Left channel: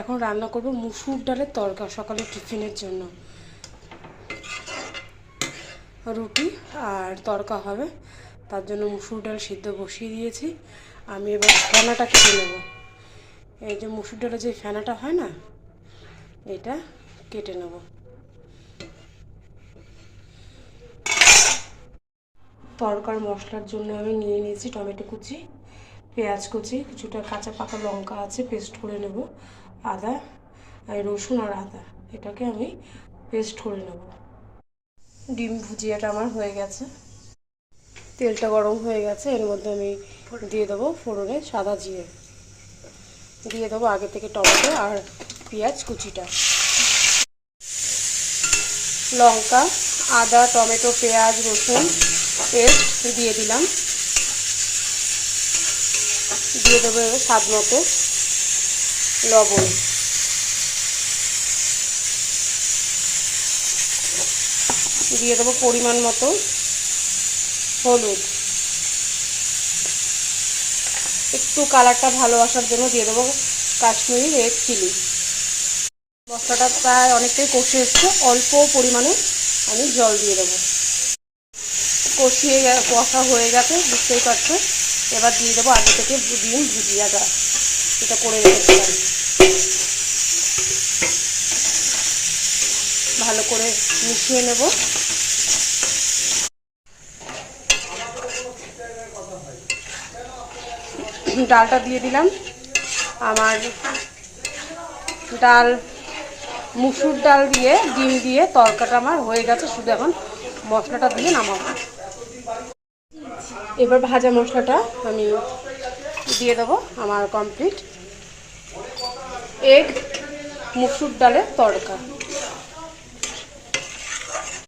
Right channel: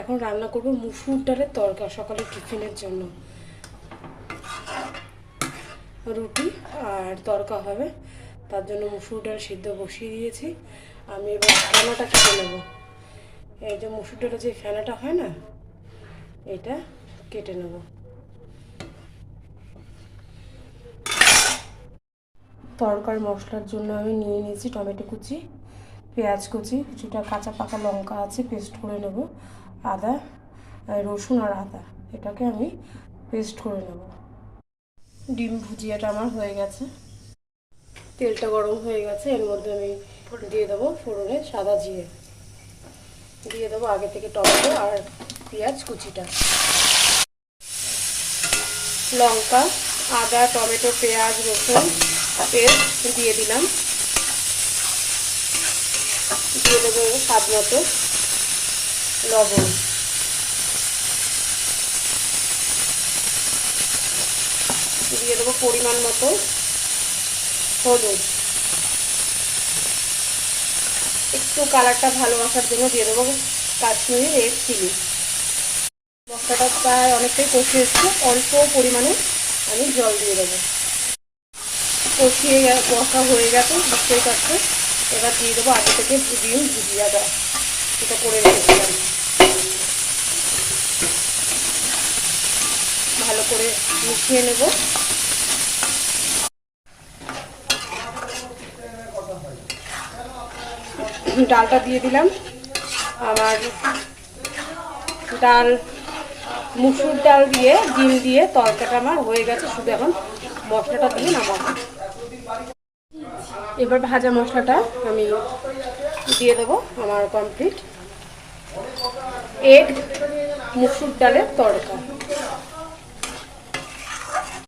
এখন রান্না করব মুসুর ডালের তরকা সকালে টিফিনের জন্য। রুটি আর তরকা হবে, তার জন্য মুসুর ডাল সিদ্ধ বসিয়ে দিয়েছি। আমি এবার ফেনাটা কেটে নেব। এই যে মুসুর ডালের যে ফেনাটা হয় না, এটা কেটে নেব। তরকার মশলার জন্য আমি নিয়ে নিয়েছি টমেটো কুচি, পেঁয়াজ কুচি, কিছুটা কাঁচা পাকা লঙ্কা আছে পেস্ট করে নেব, আদা রসুন আর আদা এটাকে আমি পেস্ট করে নেব। ডিম ভুজিয়াটা আমার হয়ে গেছে, তেলটা গরম হয়ে গেছে। এর মধ্যে আমি দিয়ে দেবো ফোড়নে সাদা জিরে, দিয়ে দেবো আগে থেকে টমেটো আর পেঁয়াজ কুচিটা, লঙ্কা আদা টমেটো পেঁয়াজ রসুন পেস্ট দিয়ে দিলাম। দিয়ে দেবো এবার স্বাদ মতো লবণ, দিয়ে দেবো পরিমাণ মতো হলুদ, একটু কালারটা ভালো আসার জন্য দিয়ে দেবো কাশ্মীরি রেড চিলি। মশলাটা প্রায় অনেকটাই কষে এসছে, অল্প পরিমাণে আমি জল দিয়ে দেবো। কষা হয়ে গেছে বুঝতেই পারছে। এবার দিয়ে দেবো আগে থেকে ডিম ভুজিয়াটা, এটা করে রেখেছিলাম। ভালো করে মিশিয়ে নেব। ডালটা দিয়ে দিলাম। আমার ডাল মুসুর ডাল দিয়ে ডিম দিয়ে তরকাটা আমার হয়ে গেছে, শুধু এখন মশলাটা দিয়ে নামাবো। এবার ভাজা মশলাটা আমি দিয়ে দেবো। আমার কমপ্লিট এগ মুসুর ডালের তরকা।